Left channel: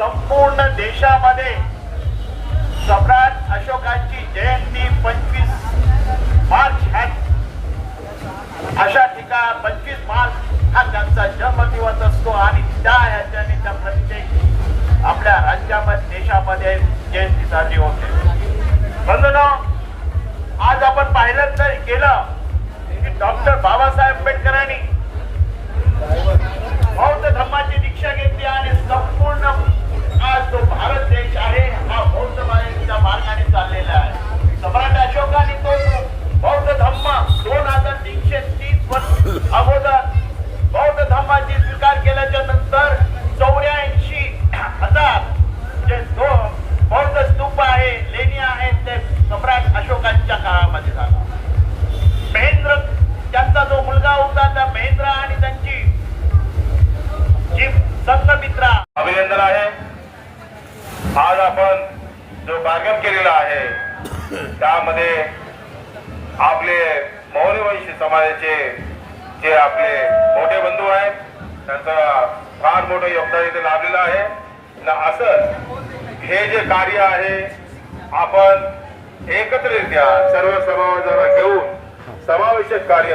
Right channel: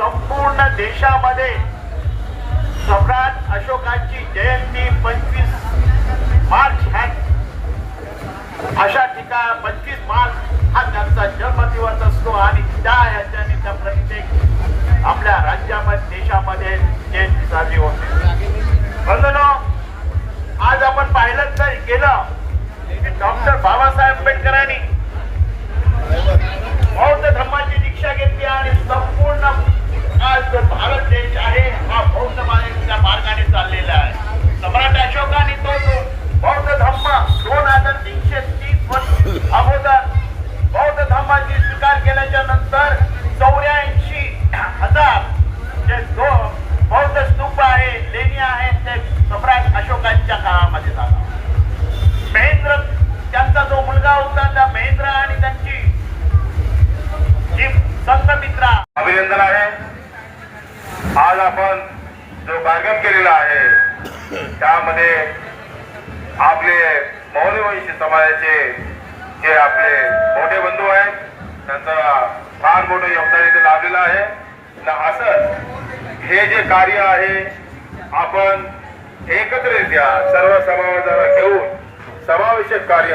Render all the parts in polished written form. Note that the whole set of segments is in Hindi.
संपूर्ण देशामध्ये सम्राट अशोकांची जयंती 25 मार्च अशा ठिकाणी 25 मार्च हा त्यांचा जन्मदिवस असतो आणि त्या ह्याच्याने प्रत्येक आपल्या राज्यामध्ये देशामध्ये जयंती साजरी होते. बंधनो, आज आपण पाहिलं तर गेलं की डॉक्टर बाबासाहेब आंबेडकरांनी बौद्ध धर्माची दीक्षा घेतली आणि संपूर्ण आज जो भारत देश आहे हा बौद्ध मार्गाने चाललेला आहे. सम्राट अशोकाने तो बौद्ध धर्म 2330 वर्ष अगोदर बौद्ध धर्माची स्वीकार केल्याच्या नंतर 84,000 जे बौद्ध स्तूप आहे, लेणी आहेत, ते सम्राट अशोकांच्या काळामध्ये झाला. महेंद्र त्यांचा जो मुलगा होता, त्या महेंद्र आणि त्यांची जी संघमित्रा, अभिनंदन आहे. आज आपण जो कार्यक्रम केलेला आहे त्यामध्ये आपले मौर्यवंशी समाजाचे जे आपले मोठे बंधू आहेत त्यांचं फार मोठं योगदान इथे लाभलेलं आहे. असं हे जे कार्य आहे आपण एकत्रित्या सर्व समाजाला घेऊन समावेशक कार्य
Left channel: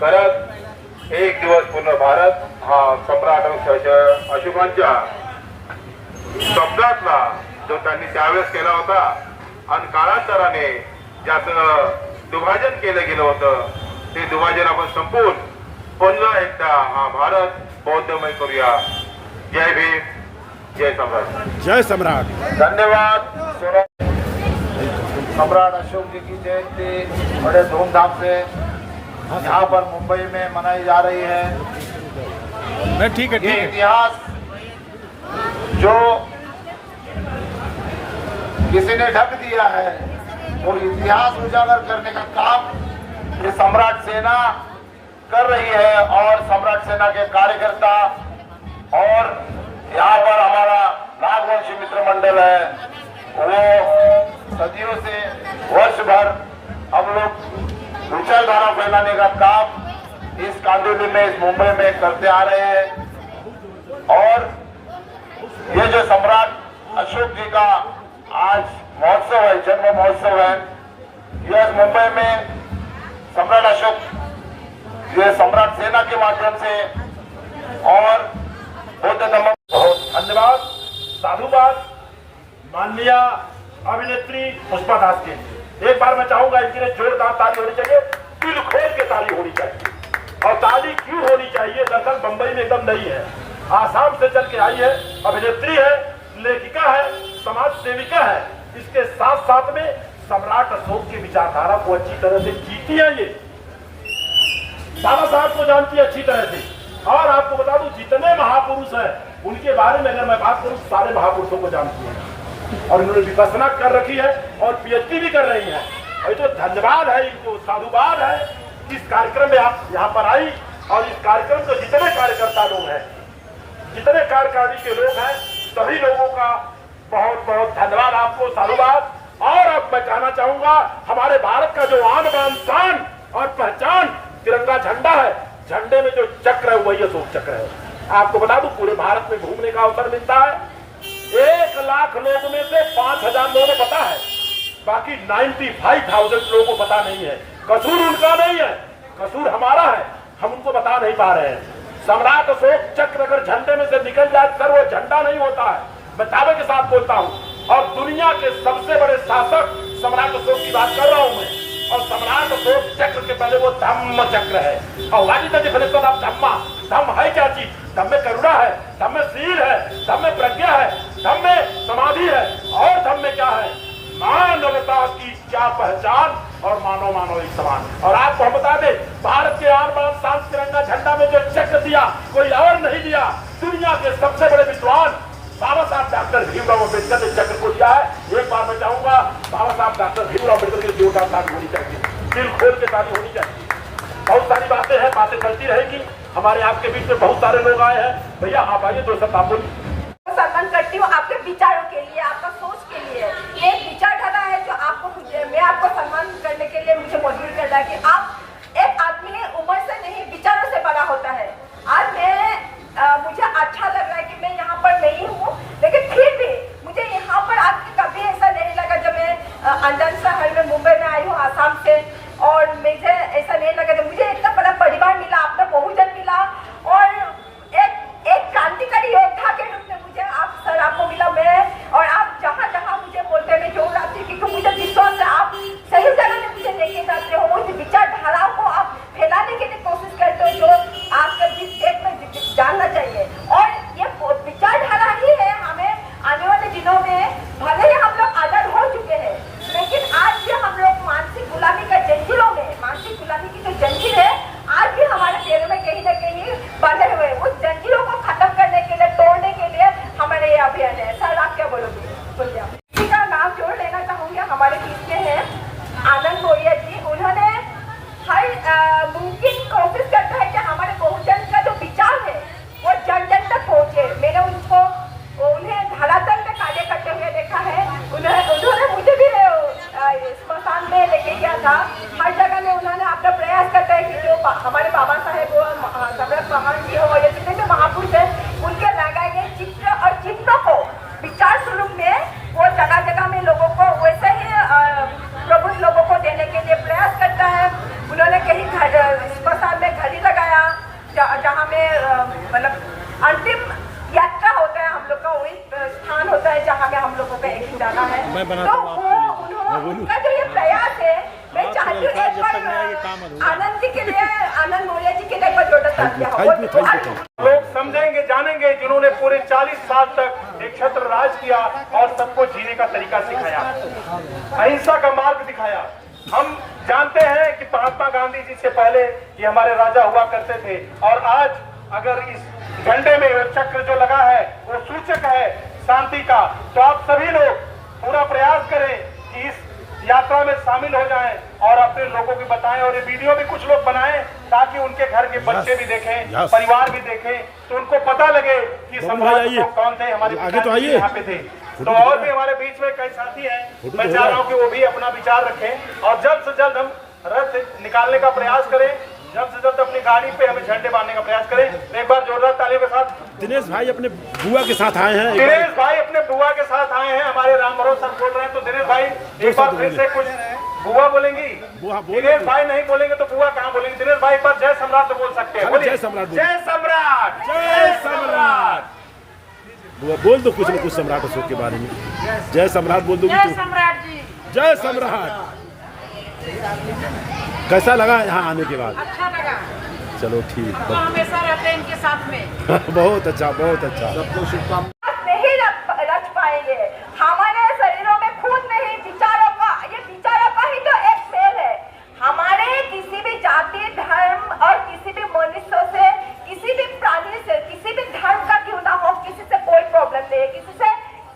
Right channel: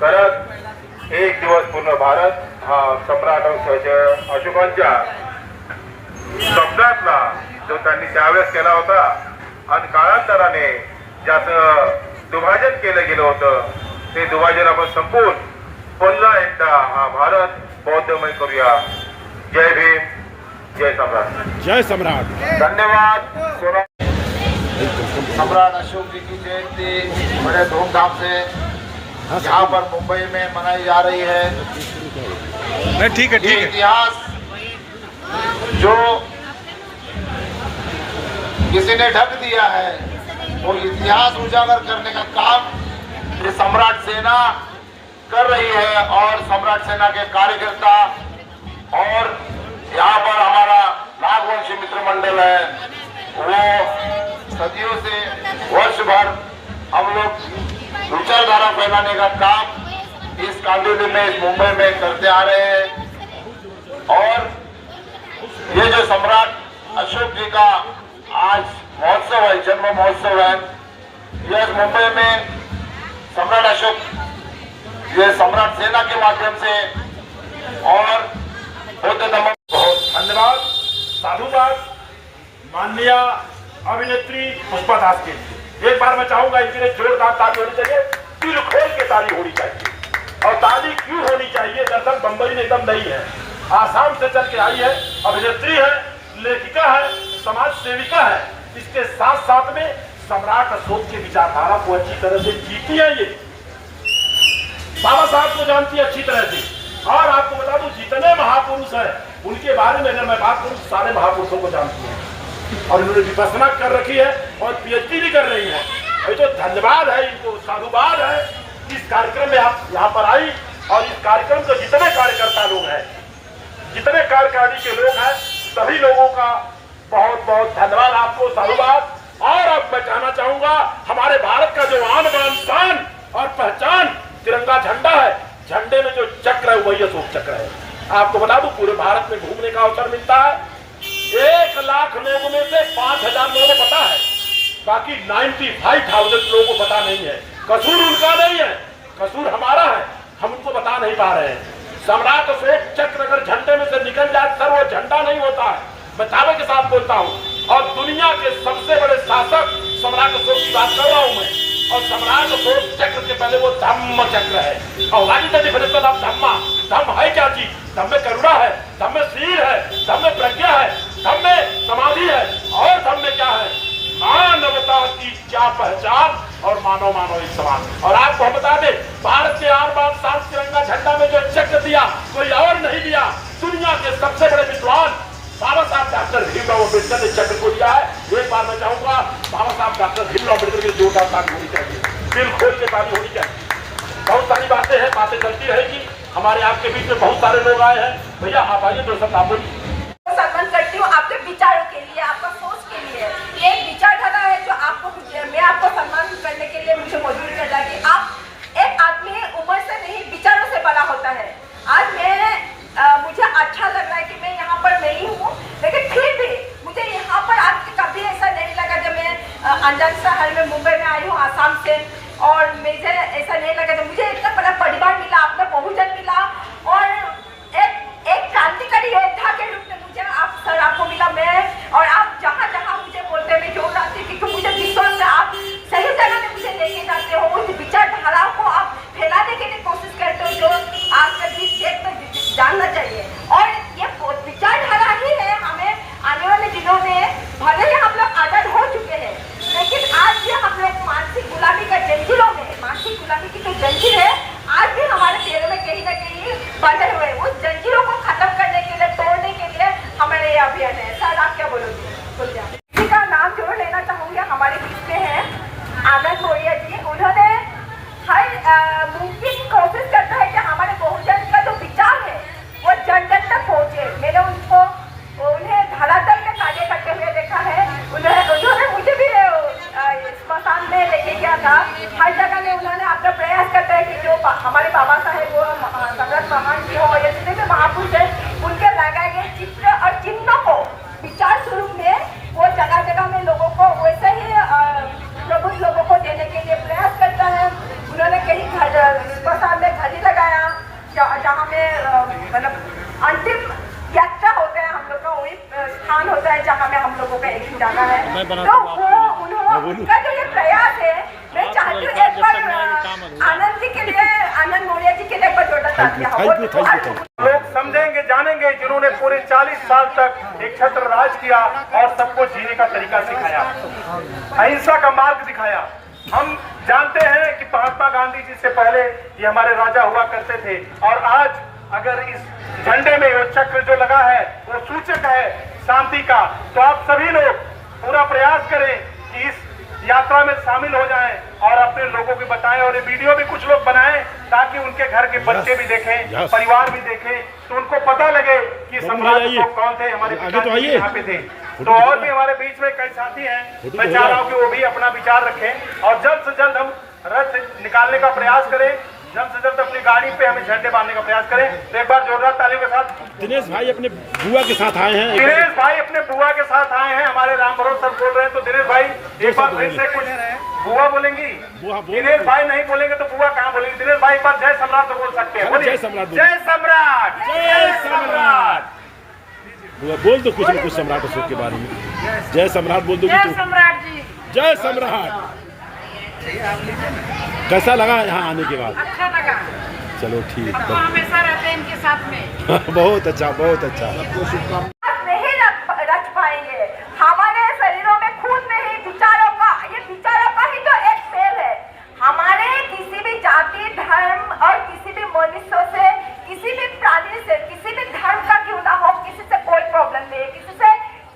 करत एक दिवस पूर्ण भारत हा सम्राट अशोकांच्या शब्दातला जो त्यांनी त्यावेळेस केला होता आणि कालांतराने ज्याचं दुभाजन केलं गेलं होतं ते दुभाजन आपण संपवून पुन्हा एकदा हा भारत बौद्धमय करूया. जय भीम, जय सम्राट. जय सम्राट. धन्यवाद. सम्राट अशोक जी की जयंती बड़े धूमधाम से यहाँ पर मुंबई में मनाई जा रही है. ठीक है, ठीक है. इतिहास जो किसी ने ढक दिया है वो इतिहास उजागर करने का काम ये सम्राट सेना कर रही है और सम्राट सेना के कार्यकर्ता और यहाँ पर हमारा नागवंशी मित्र मंडल है वो सदियों से वर्ष भर हम लोग विचारधारा फैलाने का काम इस कांडोली में, इस मुंबई में करते आ रहे हैं. और ये जो सम्राट अशोक जी का आज महोत्सव है, जन्म महोत्सव है, यह मुंबई में सम्राट अशोक ये सम्राट सेना के माध्यम से और बौद्ध धर्म. बहुत धन्यवाद. साधुवाद माननीय अभिनेत्री पुष्पा दास के लिए. एक बार मैं चाहूंगा इनके लिए जोरदार ताली होनी चाहिए, दिल खोल के ताली होनी चाहिए. और ताली क्यों होनी चाहिए? दरअसल बंबई में एकदम नहीं है, आसाम से चल के आई है, अभिनेत्री है, लेखिका है, समाज सेविका है. इसके साथ साथ में सम्राट अशोक की विचारधारा को अच्छी तरह से जीती है. ये बाबा साहब को जानती है अच्छी तरह से. और आपको बता दूं जितने महापुरुष हैं उनके बारे में अगर मैं बात करूं सारे महापुरुषों को जानती है और इन्होंने विपස්සना कर रखी है और पीएचडी भी कर रही है. ये तो धन्यवाद है इनको, साधुवाद है. इस कार्यक्रम में आप यहाँ पर आई और इस कार्यक्रम को जितने कार्यकर्ता लोग हैं, जितने कार्यकारिणी के लोग हैं, सभी लोगों का बहुत बहुत धन्यवाद, आपको साधुवाद. और अब मैं कहना चाहूंगा हमारे भारत का जो आन बान शान और पहचान तिरंगा झंडा है, झंडे में जो चक्र है वही अशोक चक्र है. आपको बता दूं पूरे भारत में घूमने का अवसर मिलता है. 1 लाख लोगों में से 5,000 लोगों को पता है, बाकी 95,000 लोगों को पता नहीं है. कसूर उनका नहीं है, कसूर हमारा है, हम उनको बता नहीं पा रहे हैं. सम्राट अशोक चक्र अगर झंडे में से निकल जाए सर वो झंडा नहीं होता है. मैं दावे के साथ बोलता हूँ. और दुनिया के सबसे बड़े शासक सम्राट अशोक की बात कर रहा हूँ मैं. और सम्राट अशोक चक्र के पहले वो धम्म चक्र है. और वाली धम्म है क्या चीज? धम्म में करुणा है, धम्म में शील है, धम्म में प्रज्ञा है, धम्म में समाधि है. और धम्म में क्या है? मानवता की क्या पहचान और मानव मानव एक समान. और आपको हम बता दें भारत के आन बान शान तिरंगा झंडा में जो चक्र दिया कोई और नहीं दिया, दुनिया के सबसे बड़े विद्वान बाबा साहब डॉक्टर भीमराव अम्बेडकर ने चक्र को दिया है. एक बार मैं चाहूंगा बाबा साहब डॉक्टर भीमराव अम्बेडकर की जोरदार ताली होनी चाहिए, दिल खोल के ताली होनी चाहिए. बहुत सारी बातें हैं, बातें चलती रहेगी. हमारे आपके बीच में बहुत सारे लोग आए हैं. भैया आप आइए, तो सब आप बोलिए. सम्मान करती हूँ आपके विचारों के लिए, आपका सोच के लिए. ये एक विचारधारा है जो आपको मैं आपको सम्मान करने के लिए मुझे मजबूर कर रहा है कि आप एक आदमी उम्र से नहीं विचारों से बड़ा होता है. आज मैं मुझे अच्छा लग रहा है कि मैं यहाँ पर नहीं हूँ, लेकिन कोशिश करते हो जो आपका जिस स्टेप में जानना चाहिए। और ये विचारधारा ही है हमें आने वाले दिनों में, भले ही हम लोग आजाद हो चुके हैं, लेकिन आज भी हम लोग मानसिक गुलामी का जंजीरों में, मानसिक गुलामी की जो जंजीर है आज भी हमारे पैरों में कहीं ना कहीं बंधे हुए हैं। उस जंजीरों को खत्म करने के लिए, तोड़ने के लिए हमारे ये अभियान है। सर आप क्या बोलोगे? बोलिए। किसी का नाम जोड़ लेना चाहूंगी, हमारे बीच में है आनंद मौर्य जी। उन्होंने हर मुमकिन कोशिश करता है कि हमारे बहुजन का जो विचार है वो जन जन तक पहुंचे। मैंने उन्हें धरातल में कार्य करते हुए देखा है। उन्होंने मुझे भी स्मशान में लेके गया था। हर जगह में उन्होंने अपना प्रयास करता है कि जो हमारे बाबा साहेब वो सम्राट महान जी हो या जितने भी महापुरुष है, उनके लगाए गए चित्र और चिन्हों को विचार स्वरूप में वो जगह जगह में लोगों को वैसे ही प्रबुद्ध लोगों को देने के लिए प्रयास करता है। उन्होंने कहीं स्मशान में घड़ी लगाया जहाँ में मतलब अंतिम यात्रा होता है हम लोग का, वही स्थान होता है जहाँ में हम लोगों का एक दिन जाना है। तो वो उनका जो ये प्रयास है, मैं चाहती हूँ एक बार आनंद जी के लिए, आनंद मौर्य जी के लिए एक बार जोरदार तालियां हो। लोग समझेंगे, जानेंगे जिन्होंने पूरे 40 साल तक एक छत्र राज किया और सबको जीने का तरीका सिखाया, अहिंसा का मार्ग दिखाया। हम जानते हैं कि महात्मा गांधी जी से पहले ये हमारे राजा हुआ करते थे, और आज अगर इस झंडे में वो चक्र जो लगा है वो सूचक है शांति का। तो आप सभी लोग पूरा प्रयास करें कि इस यात्रा में शामिल हो जाएं और अपने लोगों को बताएं, और ये वीडियो भी कुछ लोग बनाएं ताकि उनके घर के बच्चे भी देखें, परिवार भी देखें, तो उनको पता लगे कि सम्राट कौन थे, हमारे आगे तो आइए यहाँ पे थे। तो और भी हमारे बीच में कई साथी हैं, मैं चाह रहा हूँ कि वो भी अपना विचार रखें और जल्द से जल्द हम रथ निकालने का प्रयास करें, जल्द से जल्द अपनी गाड़ी पे हमें झंडे बांधने का प्रयास करें। तो एक बार जोरदार तालियों के साथ दिनेश भाई अपने बुआ के साथ आए हैं। दिनेश भाई अपने बुआ के साथ आए हैं, हमारे राम भरोस सर बोल रहे हैं। तो दिनेश भाई एक बार फिर से बुआ बोलेंगी? दिनेश भाई नहीं बोलेंगे तो बुआ कहाँ बोलेंगे? दिनेश भाई एक बार जय सम्राट तो बोल सकते हैं। जय सम्राट, जय सम्राट, जय सम्राट। बुआ बोल दो कुछ न कुछ सम्राट अशोक के बारे में। जय सम्राट बोल दोगी तो? सम्राट जी, जय सम्राट। कैसा लगा यहाँ आने के बाद? अच्छा लगा। चलो ठीक, तो हमेशा रहते हैं इनके साथ में। बहुत अच्छा, बहुत अच्छा। नहीं रच पाएंगे हमारे शरीरों में, खून में ही विचारों का, ये विचारों का ही तो एक खेल है। हमारे किसी भी जाति, धर्म और किसी भी मनुष्य से, किसी भी प्राणी से, किसी भी धर्म का क्यों ना हो, किसी से कोई प्रॉब्लम नहीं है,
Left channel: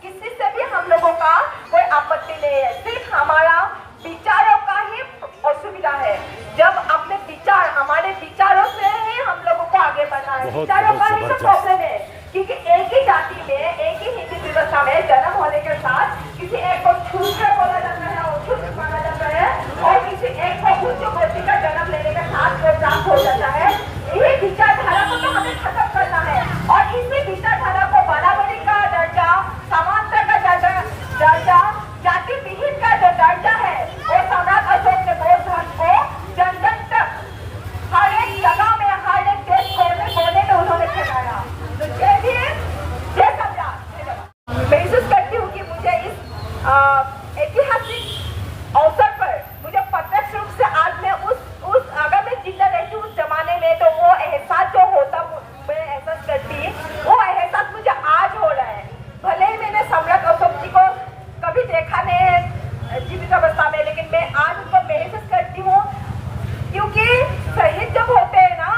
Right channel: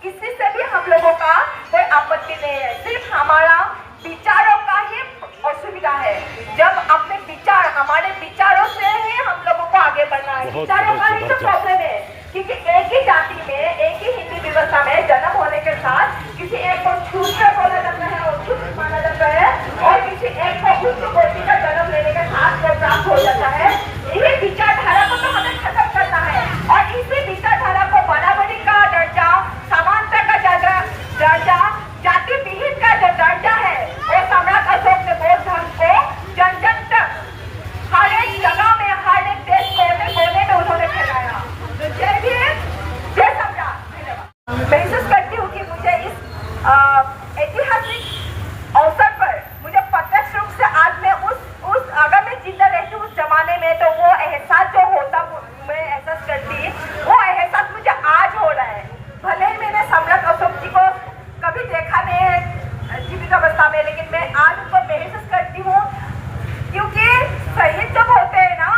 किसी से भी हम लोगों का कोई आपत्ति नहीं है। सिर्फ हमारा विचारों का ही असुविधा है। जब अपने विचार, हमारे विचारों से ही हम लोगों को आगे बढ़ना है, विचारों का ही जो प्रॉब्लम है। क्योंकि एक ही जाति में, एक ही हिंदी व्यवस्था में जन्म होने के साथ किसी एक को छूट बोला जाता है और छूट माना जाता है, और किसी एक को उच्च कोटि का जन्म लेने के साथ वो प्राप्त हो जाता है। यही विचारधारा को तो हमें खत्म करना है, और इसी विचारधारा को बराबरी का दर्जा, समानता का दर्जा, जाति विहीन का जो दर्जा है, वो सम्राट अशोक ने बौद्ध धर्म को जन जन तक, हर एक जगह में, हर एक देश कोने में उन्होंने फैलाया। तो जय भीम, जय सम्राट। महसूस करती हूँ कि मुझे इस ऐतिहासिक अवसर पर मुझे प्रत्यक्ष रूप से आज मैं उस अगर मैं जिंदा रहती उस जमाने में, तो वो एहसास जो होता मैं एहसास करती, वो एहसास मुझे आज हो रहा है। भले ही मैंने सम्राट अशोक जी को कभी देखा नहीं है जीवित अवस्था में, लेकिन मैं आज उनको महसूस करती हूँ, क्योंकि शहीद जब होते हैं ना,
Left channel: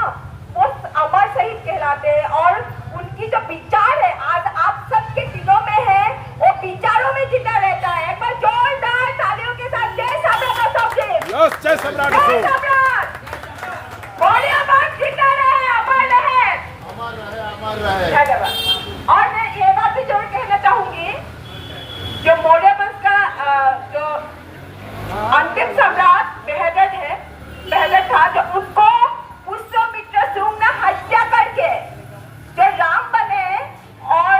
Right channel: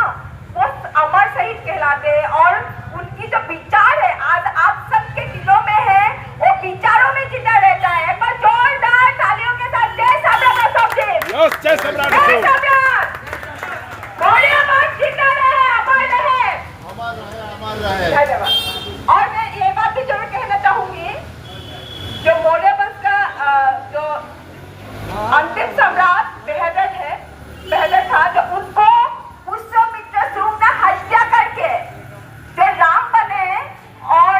वो अमर शहीद कहलाते हैं, और उनकी जो विचार है आज आप सबके दिलों में है, वो विचारों में जिंदा रहता है। पर जोरदार तालियों के साथ जय सम्राट अशोक जी। यस, जय सम्राट अशोक। जिंदा रहे, अमर रहे, अमर रहे। और मैं ये बात भी जरूर कहना चाहूंगी, जो मौर्य वंश का जो अंतिम सम्राट बेहद था, जो उनको पुष्यमित्र शुंग ने हत्या करके जो राम बने, और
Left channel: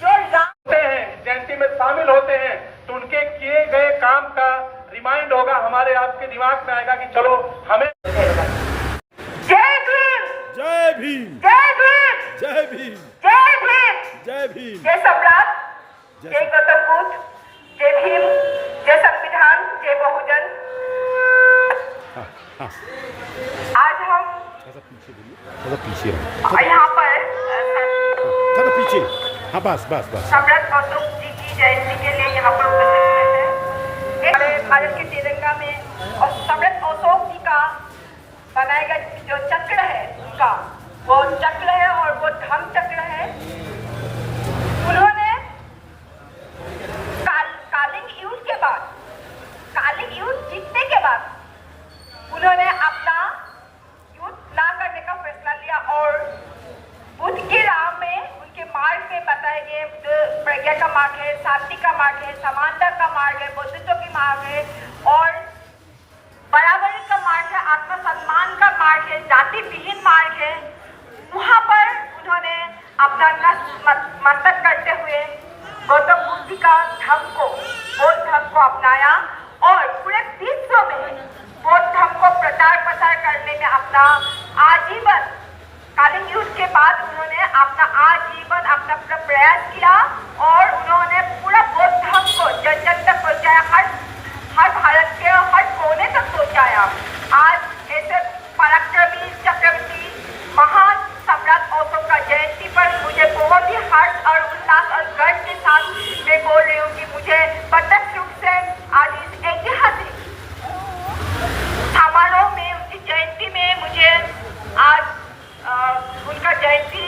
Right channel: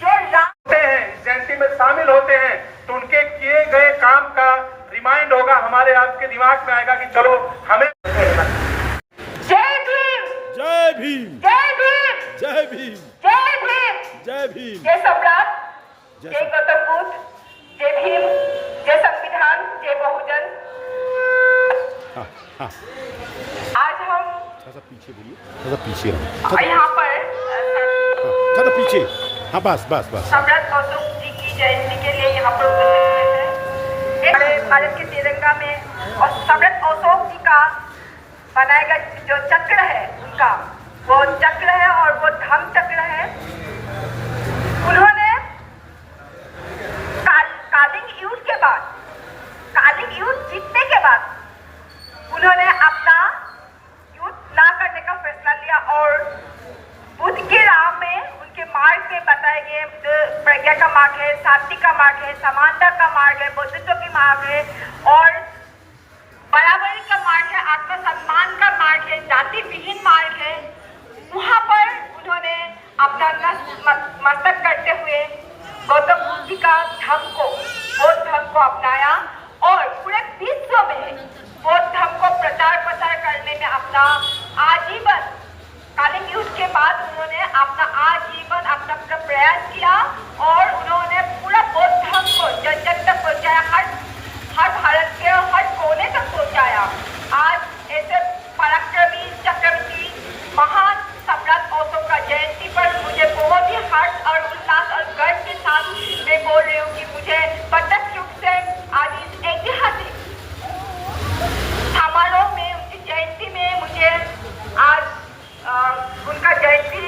जो राम जयंती में शामिल होते हैं, तो उनके किए गए काम का रिमाइंड होगा, हमारे आपके दिमाग में आएगा कि चलो हमें। जय भीम, जय भीम, जय भीम, जय भीम, जय भीम, जय भीम, जय सम्राट, जय जय गौतम बुद्ध, जय भीम, जय संविधान, जय बहुजन। आज हम सा पीछे बोलिए, थोड़ा पीछे रहो, यहाँ पर थोड़ा पीछे, हाँ बस बस बस। सम्राट अशोक जी की जयंती के लिए यहाँ पर उपस्थित हैं। हमारे भारत के तिरंगा में और सम्राट अशोक जी का बनाया गया जो चक्र है उनका, वो चक्र है और वो धर्म चक्र है। उन्होंने कालिंग युद्ध के बाद, कालिंग युद्ध जीतने के बाद उन्होंने अपना युद्ध ना करने का फैसला लिया और बुद्ध के राह में, उनके मार्ग में बताए गए जो प्रज्ञा का मार्ग है, शांति का मार्ग है, समानता का मार्ग है, बौद्धत्व की मार्ग है और बराबरी का मार्ग है, आत्मसम्मान का मार्ग है, जाति विहीन मार्ग है। वहाँ पर उन्होंने अपना मस्तक करते हुए गौतम बुद्ध जी का धर्म को, बौद्ध धर्म को अपनाया और पूरे विश्व में बौद्ध धर्म को प्रचार प्रसार करने में अपना आजीवन, कालिंग युद्ध के बाद उन्होंने अपना आजीवन अपना पूरा प्रयास किया और उन्होंने पूरा बौद्ध धर्म को जन जन तक पहुंचाया, हर भारत के हर कोने तक पहुंचाया। आज ऐसे पराक्रमी चक्रवर्ती महान सम्राट अशोक का जयंती पर मुझे बहुत ही हर्ष और उल्लास और गर्व के साथ मैं बोल रही हूँ कि मुझे प्रत्यक्ष रूप से आज इस ऐतिहासिक समारोह में, उनकी जयंती में मुझे आज उनका जयंती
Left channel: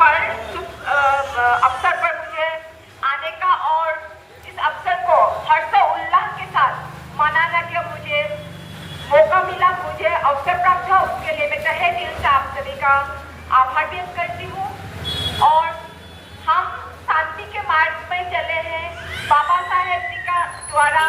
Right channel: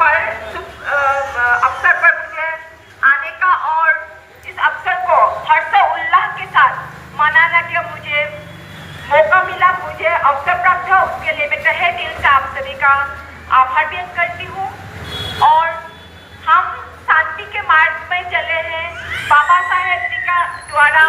पर अवसर पर मुझे आने का और इस अवसर को हर्षोल्लास के साथ मनाने का मुझे मौका मिला, मुझे अवसर प्राप्त हुआ, उसके लिए मैं तहे दिल से आप सभी का आभार व्यक्त करती हूँ। और हम शांति के मार्ग में चले हैं। बाबा साहेब जी का द्वारा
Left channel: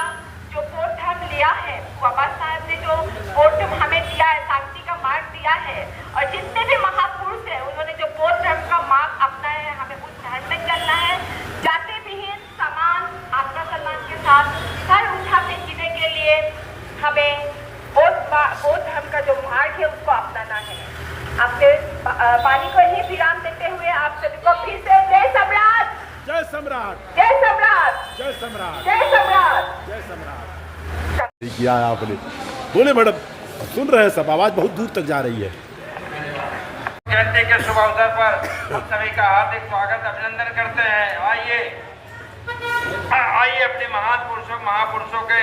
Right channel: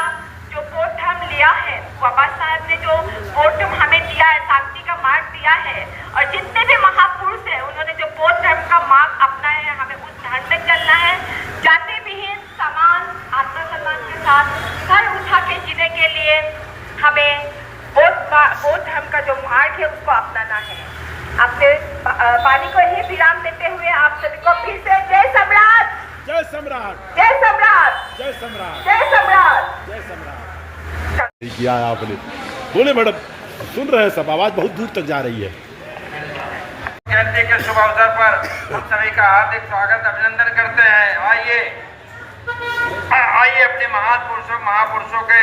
जो बौद्ध धर्म लिया है, बाबा साहेब ने जो बौद्ध धर्म हमें दिया है, शांति का मार्ग दिया है और जितने भी महापुरुष हैं उन्होंने जो बौद्ध धर्म का मार्ग अपनाया है, हमें उस धर्म में चलना है। जाति विहीन, समान, आत्मसम्मान के साथ सर उठा के जीने के लिए हमें बौद्ध धर्म का जो मार्ग है उसको अपनाना है। आपसे पानी को ही विराम देते हुए आप सभी को फिर से जय सम्राट, जय सम्राट, जय सम्राट, जय सम्राट, जय सम्राट, जय सम्राट। किया है आपने, बोले मैडम, सुन रहे हैं सब, आवाज बहुत दूर तक जा रही है। जयंती के शुभ अवसर पर हम सभी का हार्दिक स्वागत अभिनंदन करते हैं। आइए अपने महापुरुषों के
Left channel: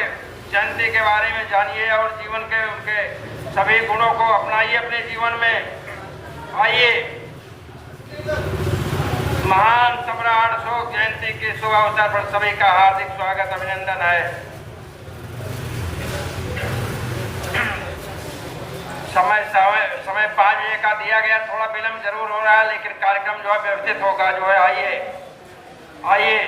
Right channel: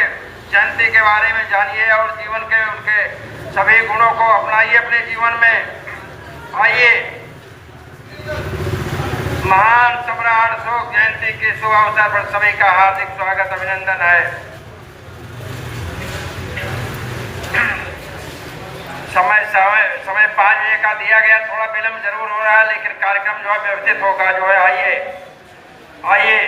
जयंती के बारे में जानिए और जीवन के उनके सभी गुणों को अपनाइए अपने जीवन में। आइए, महान सम्राट अशोक जयंती के शुभ अवसर पर सभी का हार्दिक स्वागत अभिनंदन है। समय 5 बजे का दिया गया, थोड़ा विलम्ब जरूर हो रहा है लेकिन कार्यक्रम जो है व्यवस्थित होगा जो है। आइए